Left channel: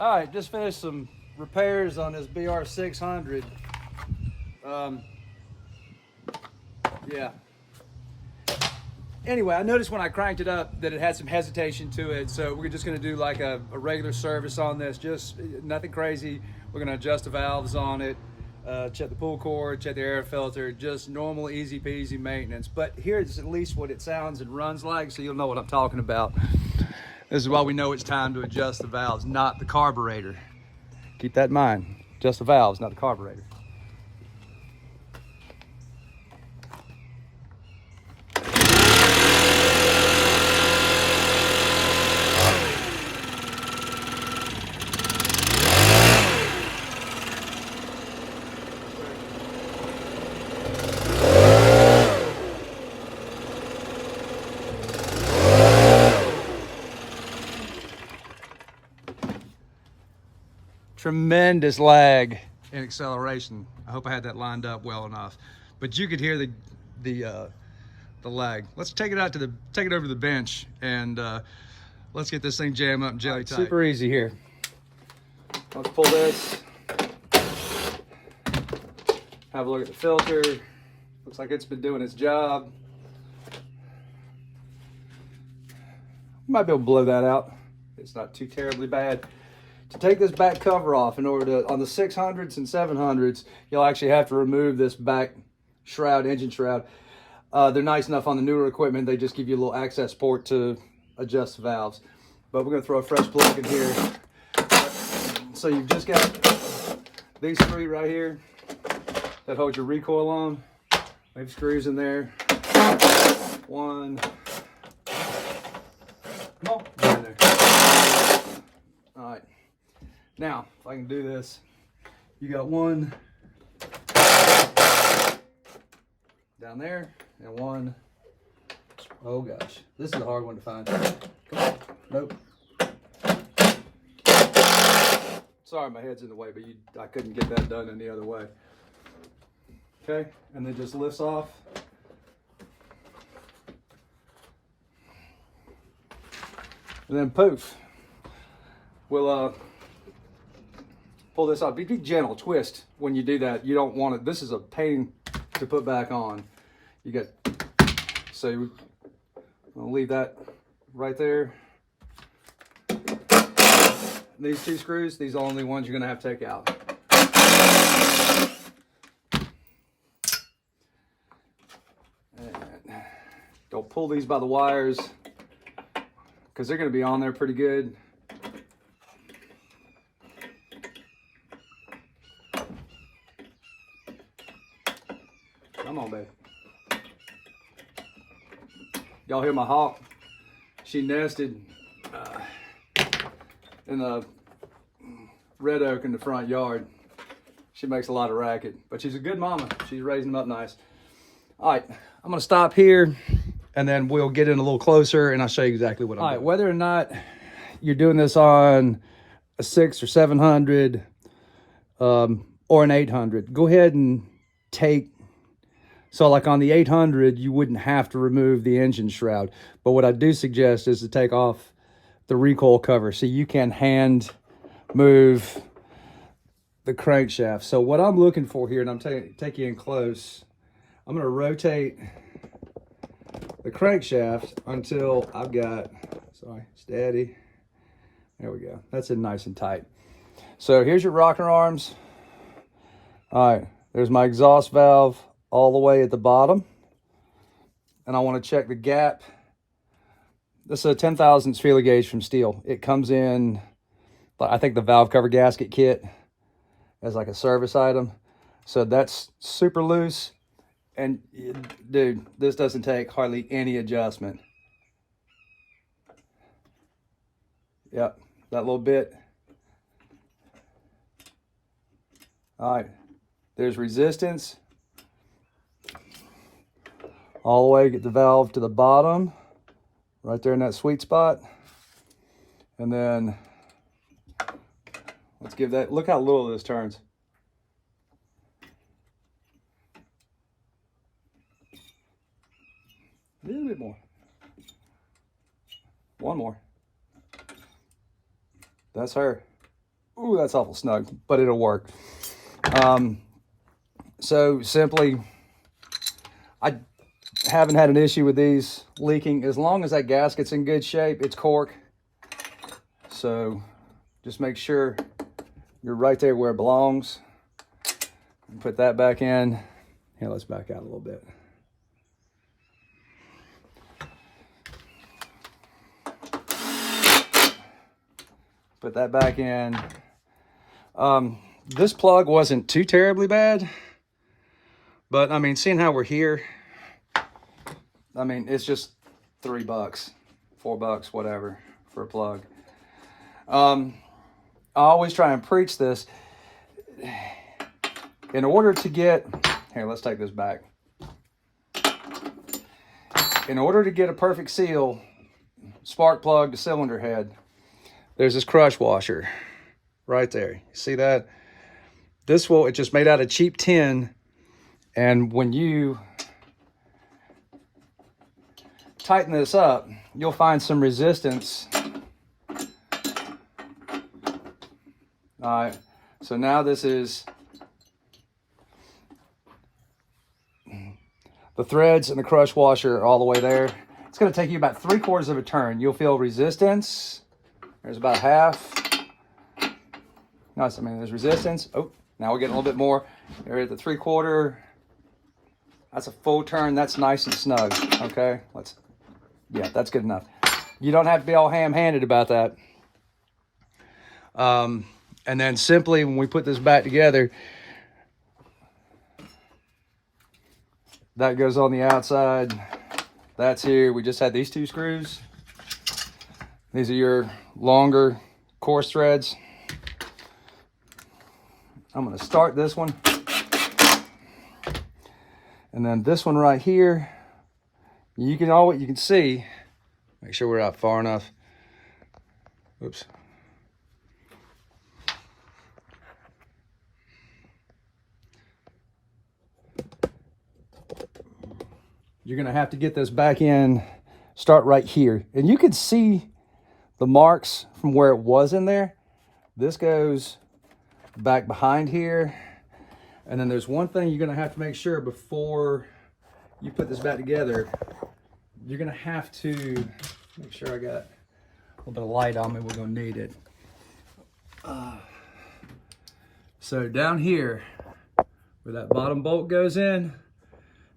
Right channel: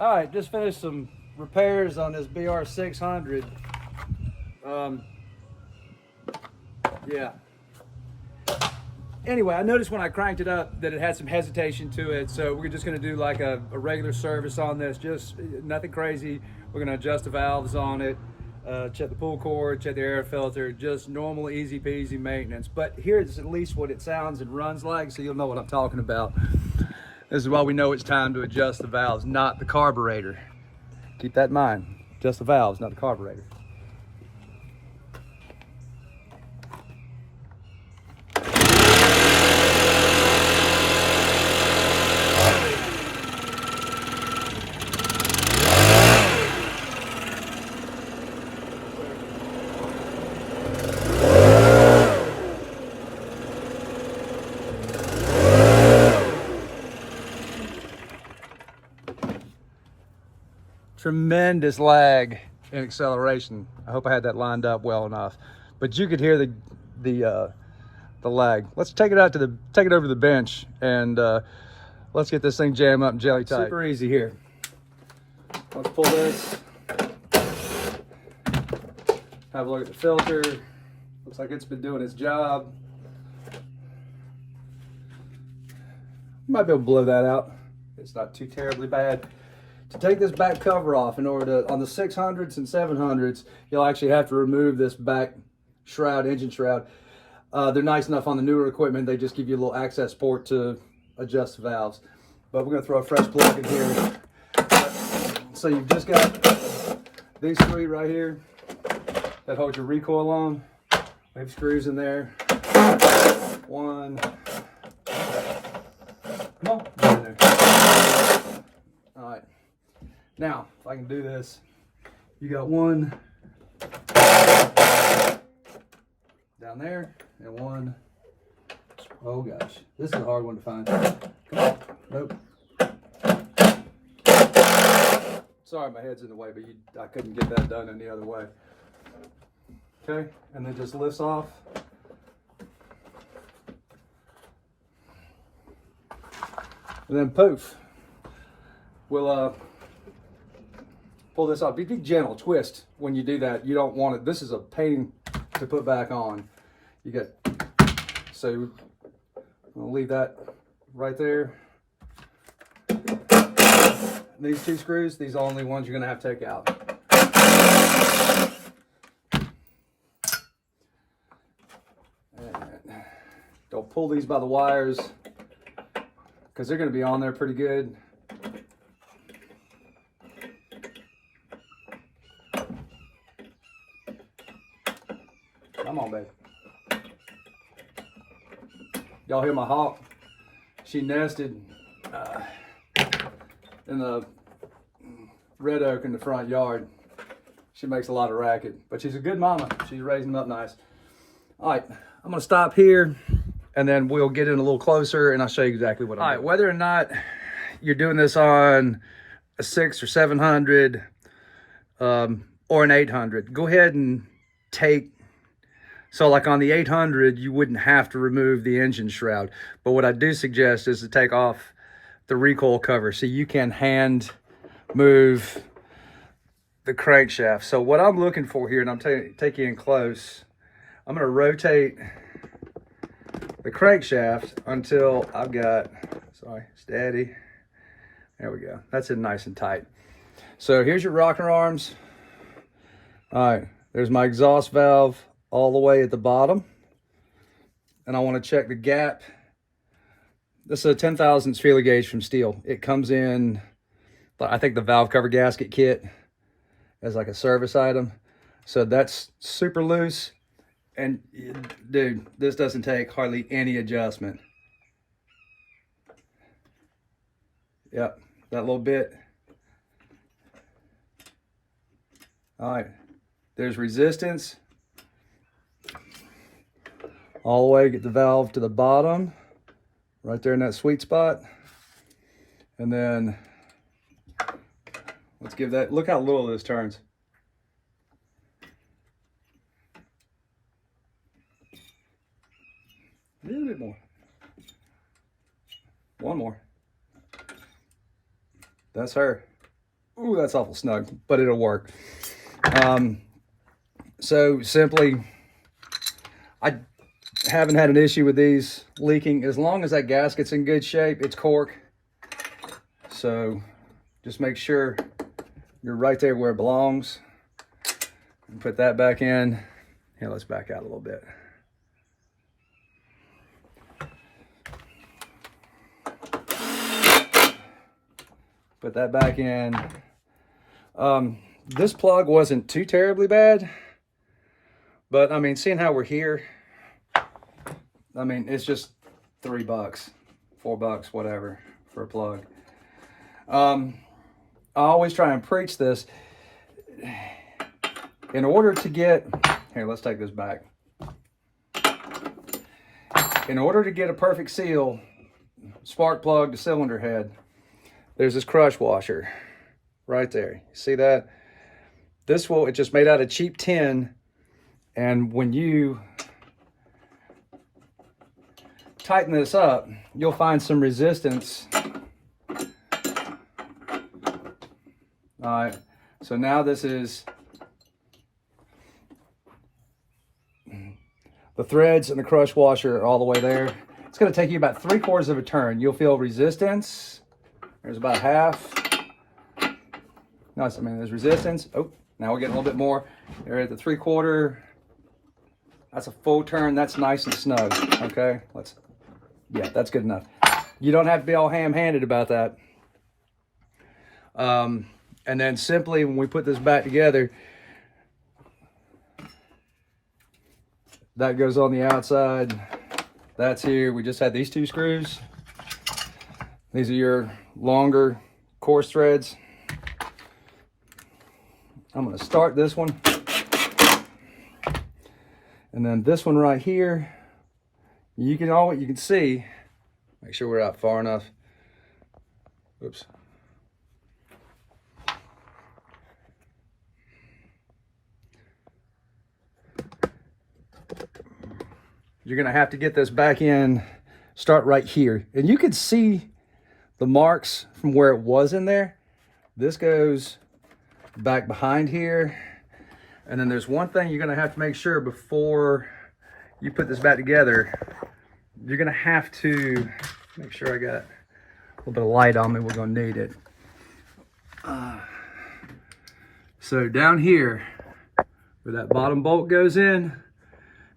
All right, just finished some repairs on this BR600. Um, yeah. Anyway, I noticed when I cranked it up that it had some hesitation to it, so we're just gonna do like a regular service on this, just nothing crazy. We're gonna adjust the valves on it, check the pull cord, check the air filter, just normal, easy peasy maintenance. But here's at least what it sounds and runs like, so you'll know what I'm talking about. This is why we know it's time to adjust the valves, not the carburetor. Keep that in mind, just the valves, not the carburetor. Tremendous lag in acceleration. I hope I had that lined up well enough, but you could hear the lag. Let's take it over to the bench and let's get this thing jammed up and jelly tight. Super easy here. Let's pull this. Have a look at the filter. Looks like it's been doing its job. Might be able to blow that out. It's not too terribly bad. To take this back cover off, in order to, on the 600s and 700s, you'll actually have to remove this back shroud, engine shroud. They're nice enough on the newer equipment, they just give you a little access port to adjust the valves. But we're gonna throw a fresh plug in here. So you've just got these three right here that hold your recoil on. We have screws in there. One. Come on, get in there. All right. Now, if I can do this, you got one down there and one. Oh gosh, this is a hard one to find. Come on, nope. Sorry, my head's in the way, but I couldn't get that done any other way. Okay, and then just lifts off. And then poof, we'll pull this off. Be gentle, twist when you do that. You don't want it. This is a pain to put back on. You got, so I'll leave that right there. These two screws, these are the only ones you're gonna have to take out. And don't pull these by the wires because they're gonna be on there pretty good. Come on, babe. Y'all hear my hawk? She nested in the red oak in the front yard. She makes a lot of racket, but she's a good mama. She's raising them up nice. All right, I'm gonna stop here and then we'll get in a little closer and I'll show you exactly what I'm doing. All right, whether or not you're doing this on a 600 or 700 or an 800, go ahead and take, so like on the 800, you wouldn't have to remove the engine shroud. But what I do suggest is to take off the recoil cover so you can hand move the crankshaft. So what I'm looking for here, and I'm taking you in close, I'm gonna rotate the crankshaft until I've got, sorry, steady. There we go. That's it nice and tight. So here's your rocker arms. All right, there's my exhaust valve all the way at the bottom. And I want to check the gap. This is a 10 thousandths feeler gauge from Stihl. It comes in, I think, the valve cover gasket kit as like a service item. So that's super loose. And dude, this doesn't take hardly any adjustment. Yep, that little bit. All right, there's resistance. All the way, get the valve to the bottom, right there in that sweet spot. And then let's give that, look how little this turns. A little bit more. One more. That's her. Ooh, that's awful snug, but it'll work. So simply, I haven't had an issue with these leaking. As long as that gasket's in good shape, it's cork. So just make sure you're right there where it belongs. And put that back in. Here, let's back out a little bit. Put that back in. This plug wasn't too terribly bad, but I mean, seeing how we're here, I mean, it's just $3, $4, whatever, for a plug. I always try and preach this. In order to get, here, let's take this back. In order to get a perfect seal, spark plug to cylinder head, there's this crush washer right there. See that? This will, it's just made out of cheap tin. And when you tighten this up, you'll find some resistance. All right, so now this is the threads and the crush washer all the way there. It's going to take you about 3/4 of a turn. You'll feel resistance. There's about half. Nice. I mean, there's resistance. Oh, now we're getting a little bit more. There at the 3/4. That's a full turn. That's nice and snug. Okay, yeah, that's good enough. You don't have to be all ham-handed about that. And then simply when we put this back together, that goes on the outside. That's here. We just had these 2 screws. These are your longer coarse threads. I'm going to start this one. And then this one right here, you can see, make sure we're out far enough. Oops. You're going to have to get this back in, start right here. And you can see the marks from where it was in there. This goes back behind here. And then there's one thing you're going to have to make sure before you put this back together. You're going to have to make sure I got a little bit of light on me. We're going to need it. So down here, where that bottom bolt goes in,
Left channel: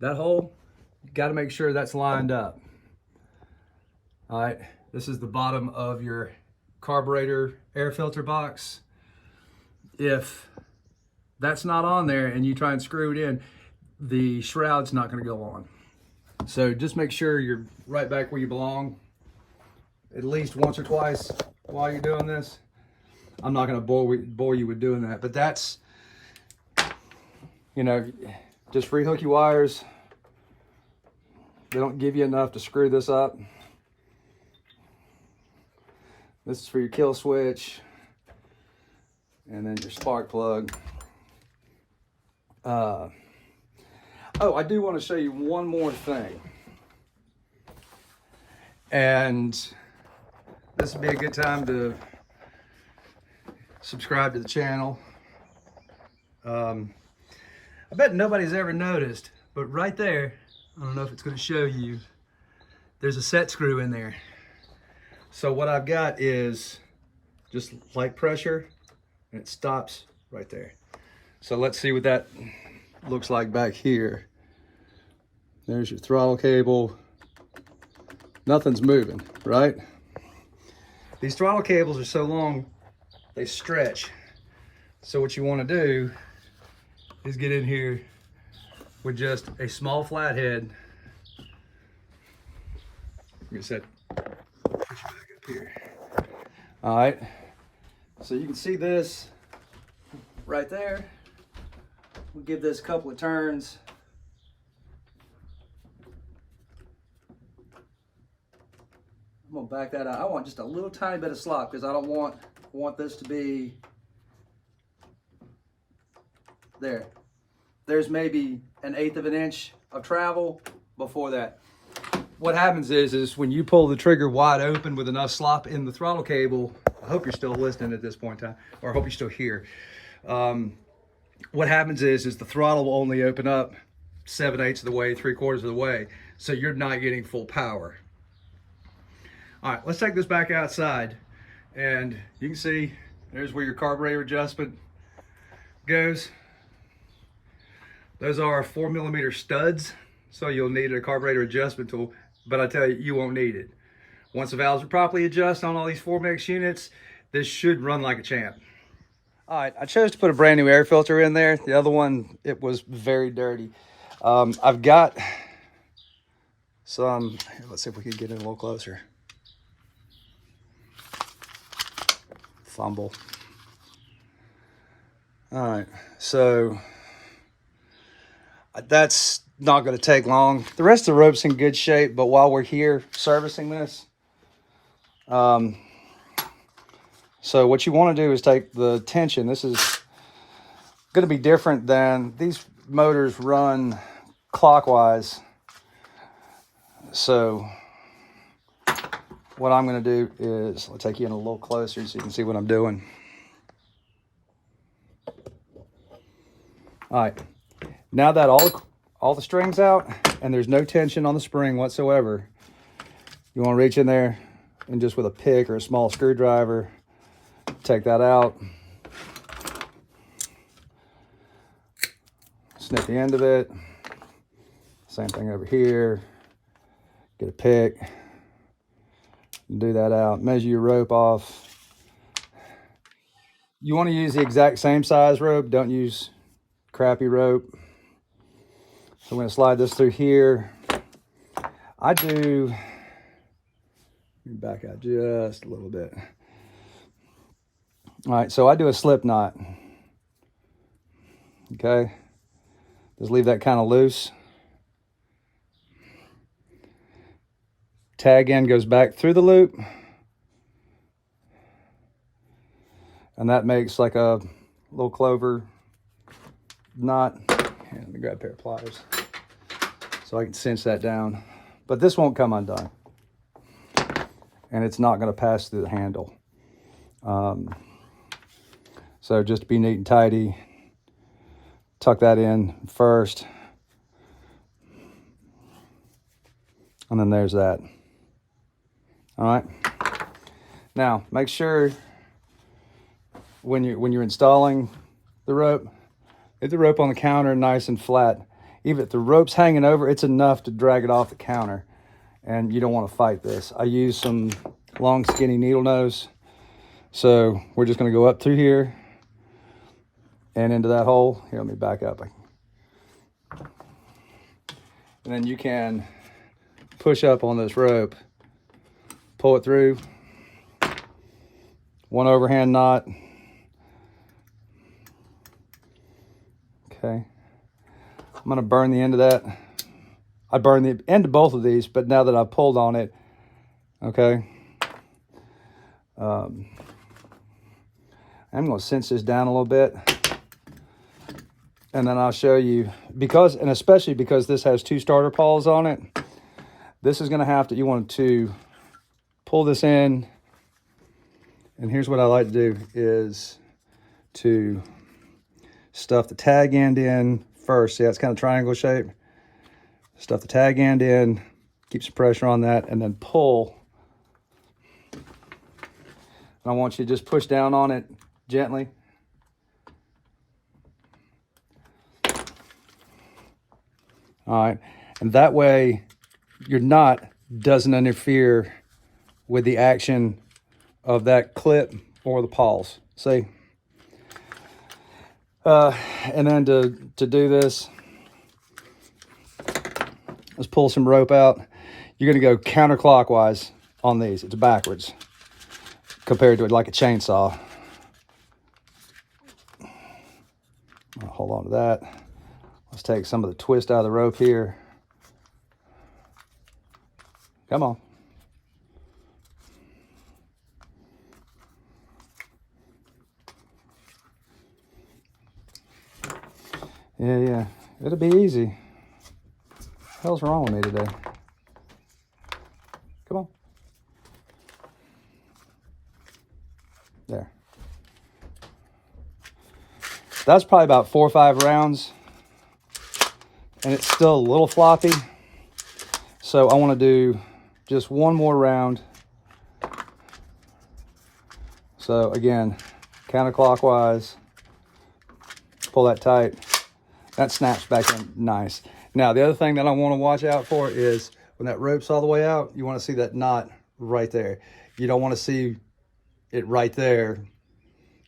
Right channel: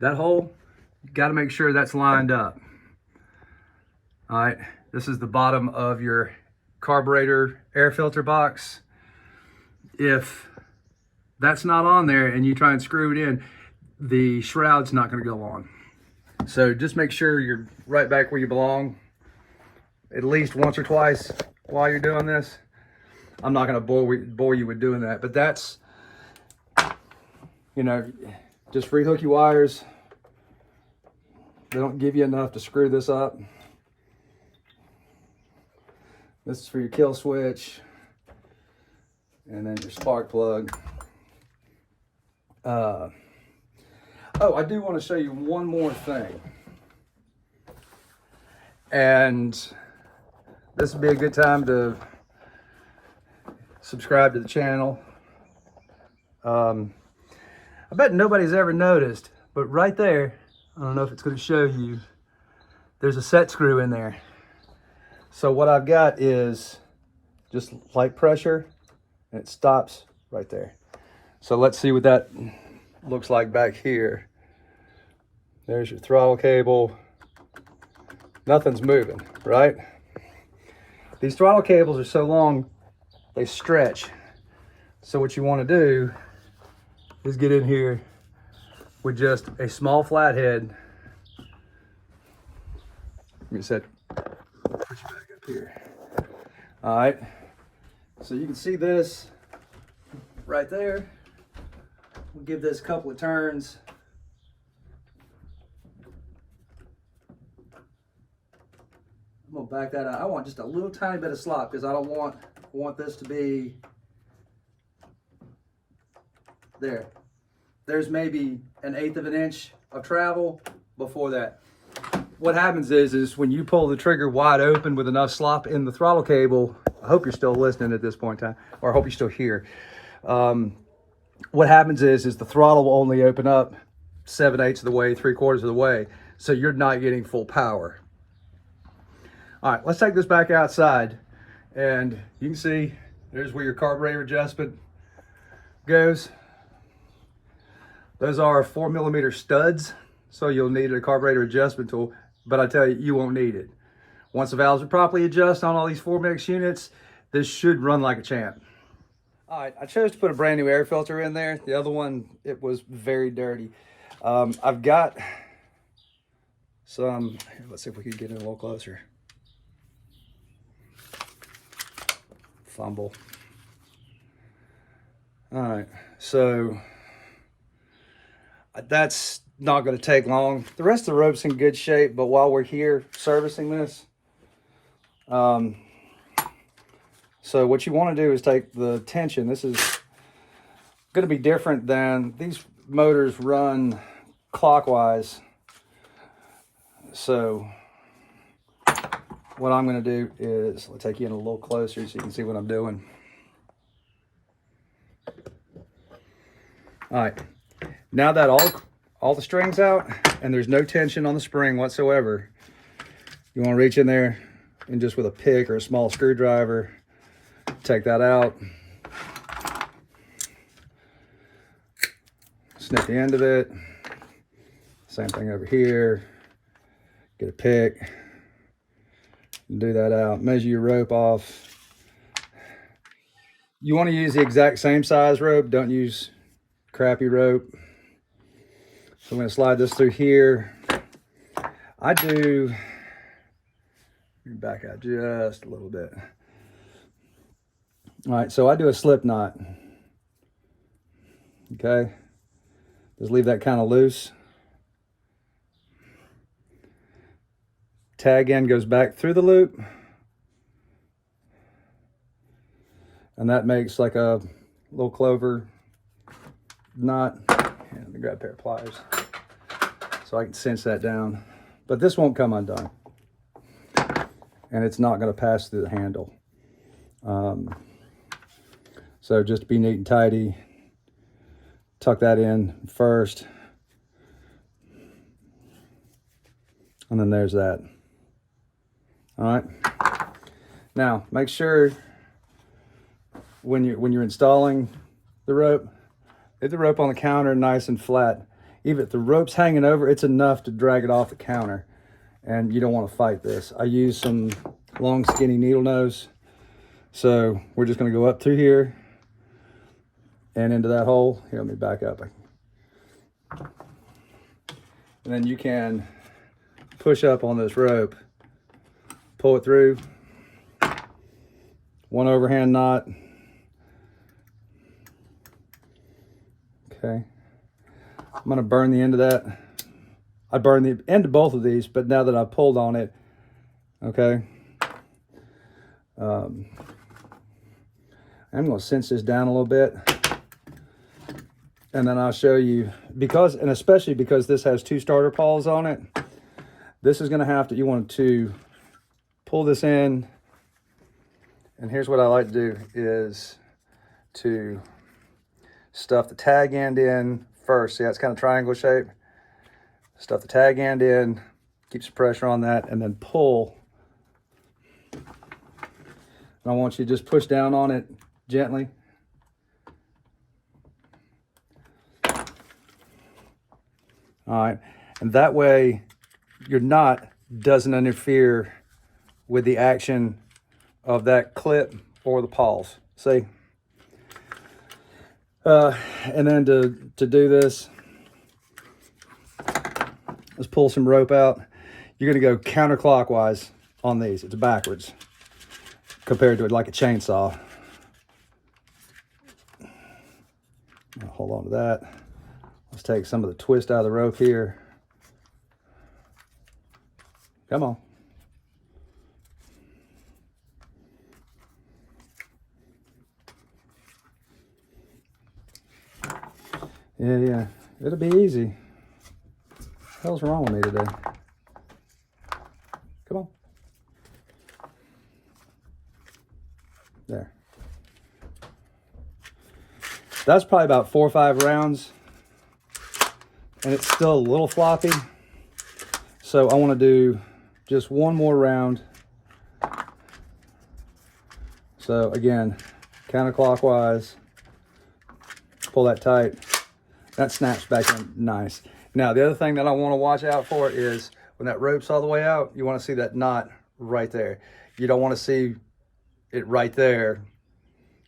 that hole, you got to make sure that's lined up. All right, this is the bottom of your carburetor air filter box. If that's not on there and you try and screw it in, the shroud's not going to go on. So just make sure you're right back where you belong at least once or twice while you're doing this. I'm not going to bore you with doing that, but that's, you know, just rehook your wires. They don't give you enough to screw this up. This is for your kill switch. And then your spark plug. Oh, I do want to show you one more thing. And this would be a good time to subscribe to the channel. I bet nobody's ever noticed, but right there, I don't know if it's going to show you, there's a set screw in there. So what I've got is just light pressure and it stops right there. So let's see what that looks like back here. There's your throttle cable. Nothing's moving, right? These throttle cables are so long, they stretch. So what you want to do is get in here with just a small flathead. Let me set, put you back up here. All right, so you can see this right there. We'll give this a couple of turns. I'm gonna back that out. I want just a little tiny bit of slop because I don't want this to be there. There's maybe 1/8 of an inch of travel before that. What happens is when you pull the trigger wide open with enough slop in the throttle cable, I hope you're still listening at this point in time, or I hope you're still here. What happens is the throttle will only open up 7/8 of the way, 3/4 of the way, so you're not getting full power. All right, let's take this back outside, and you can see there's where your carburetor adjustment goes. Those are 4mm studs, so you'll need a carburetor adjustment tool, but I tell you, you won't need it. Once the valves are properly adjusted on all these 4MX units, this should run like a champ. All right, I chose to put a brand new air filter in there. The other one, it was very dirty. I've got some, let's see if we can get in a little closer. Fumble. All right, so that's not going to take long. The rest of the rope's in good shape, but while we're here servicing this, so what you want to do is take the tension. This is going to be different than these motors run clockwise. So what I'm going to do is I'll take you in a little closer so you can see what I'm doing. All right, now that all the string's out and there's no tension on the spring whatsoever, you want to reach in there and just with a pick or a small screwdriver, take that out, snip the end of it. Same thing over here. Get a pick, do that out, measure your rope off. You want to use the exact same size rope, don't use crappy rope. So I'm going to slide this through here. I do, back out just a little bit. All right, so I do a slip knot. Okay, just leave that kind of loose. Tag end goes back through the loop, and that makes like a little clover knot. Here, let me grab a pair of pliers so I can cinch that down. But this won't come undone, and it's not going to pass through the handle. So just to be neat and tidy, tuck that in first, and then there's that. All right. Now make sure when you're installing the rope, get the rope on the counter nice and flat. Even if the rope's hanging over, it's enough to drag it off the counter, and you don't want to fight this. I use some long skinny needle nose, so we're just going to go up through here and into that hole. Here, let me back up. And then you can push up on this rope, pull it through, one overhand knot. Okay, I'm going to burn the end of that. I burned the end of both of these, but now that I've pulled on it, okay, I'm going to cinch this down a little bit, and then I'll show you, because, and especially because this has two starter pawls on it, this is going to have to, you want to pull this in, and here's what I like to do is to stuff the tag end in first. See how it's kind of triangle shape? Stuff the tag end in, keeps the pressure on that, and then pull. And I want you to just push down on it gently. All right, and that way your knot doesn't interfere with the action of that clip or the pawls. See? And then to do this, let's pull some rope out. You're going to go counterclockwise on these. It's backwards compared to it like a chainsaw. I'll hold on to that. Let's take some of the twist out of the rope here. Come on. Yeah, it'll be easy. What the hell's wrong with me today? Come on. That's probably about 4 or 5 rounds, and it's still a little floppy. So I want to do just one more round. So again, counterclockwise, pull that tight. That snaps back in nice. Now, the other thing that I want to watch out for is when that rope's all the way out, you want to see that knot right there. You don't want to see it right there,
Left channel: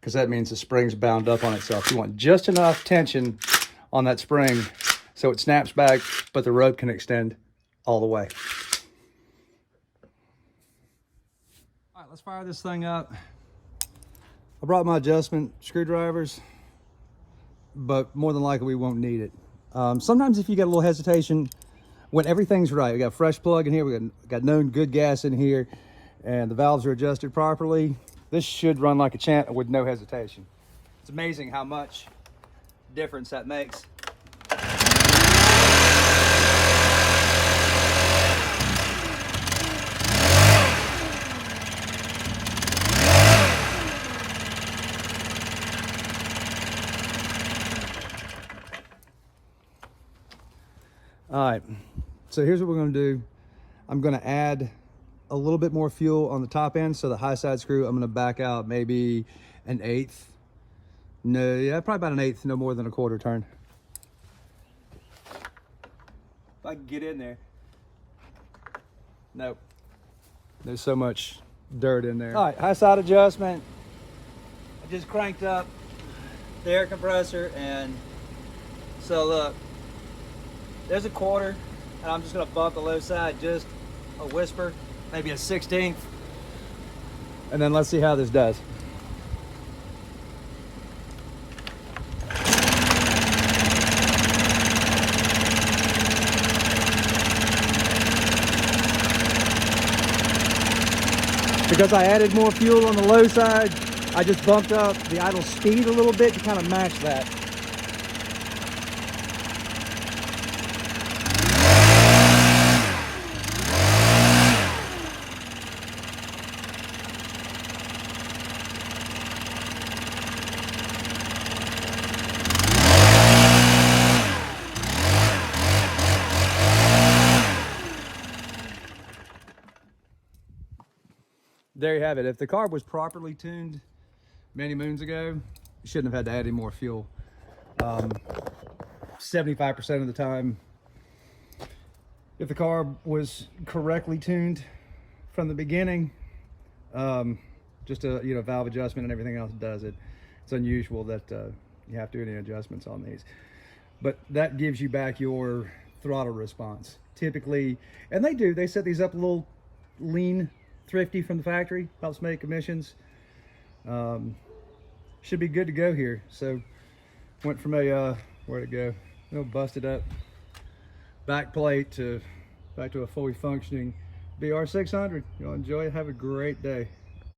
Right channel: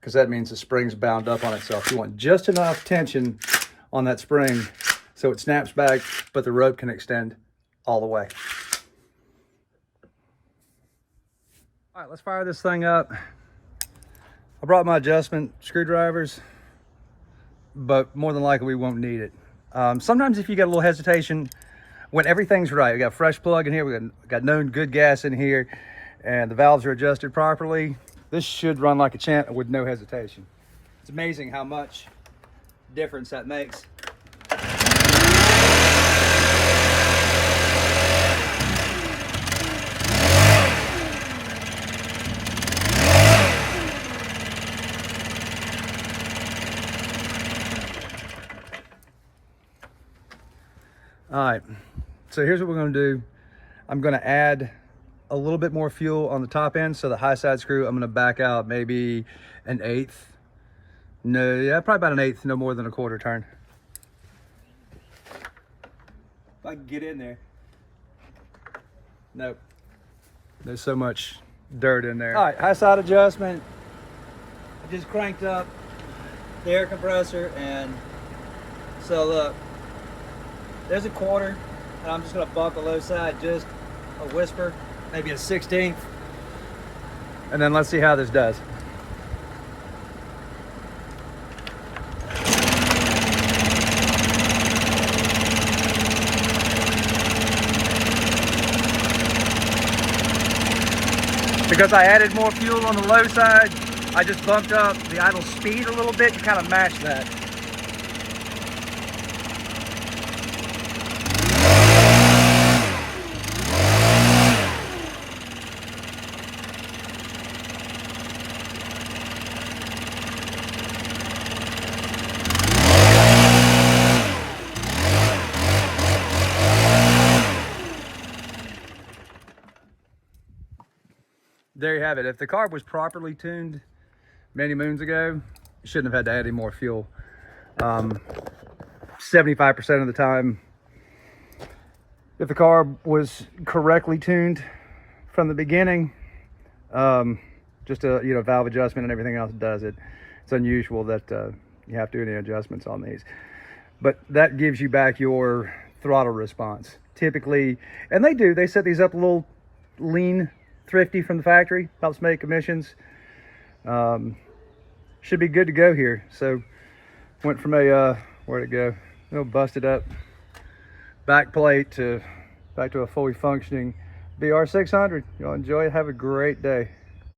because that means the spring's bound up on itself. You want just enough tension on that spring so it snaps back, but the rope can extend all the way. All right, let's fire this thing up. I brought my adjustment screwdrivers, but more than likely we won't need it. Sometimes if you got a little hesitation, when everything's right, we got a fresh plug in here, we got known good gas in here, and the valves are adjusted properly, this should run like a champ with no hesitation. It's amazing how much difference that makes. All right, so here's what we're gonna do. I'm gonna add a little bit more fuel on the top end, so the high side screw, I'm gonna back out maybe 1/8. No, yeah, probably about 1/8, no more than a quarter turn. If I can get in there. Nope, there's so much dirt in there. All right, high side adjustment. I just cranked up the air compressor, and so look, there's a quarter, and I'm just gonna bump the low side just a whisper, maybe a 1/16, and then let's see how this does. Because I added more fuel on the low side, I just bumped up the idle speed a little bit to kind of match that. There you have it. If the carb was properly tuned many moons ago, you shouldn't have had to add any more fuel. 75% of the time, if the carb was correctly tuned from the beginning, just a valve adjustment and everything else does it. It's unusual that you have to do any adjustments on these, but that gives you back your throttle response typically. And they set these up a little lean, thrifty from the factory, helps make emissions. Should be good to go here. So went from a where'd it go, busted up back plate to back to a fully functioning BR600. Y'all enjoy it, have a great day.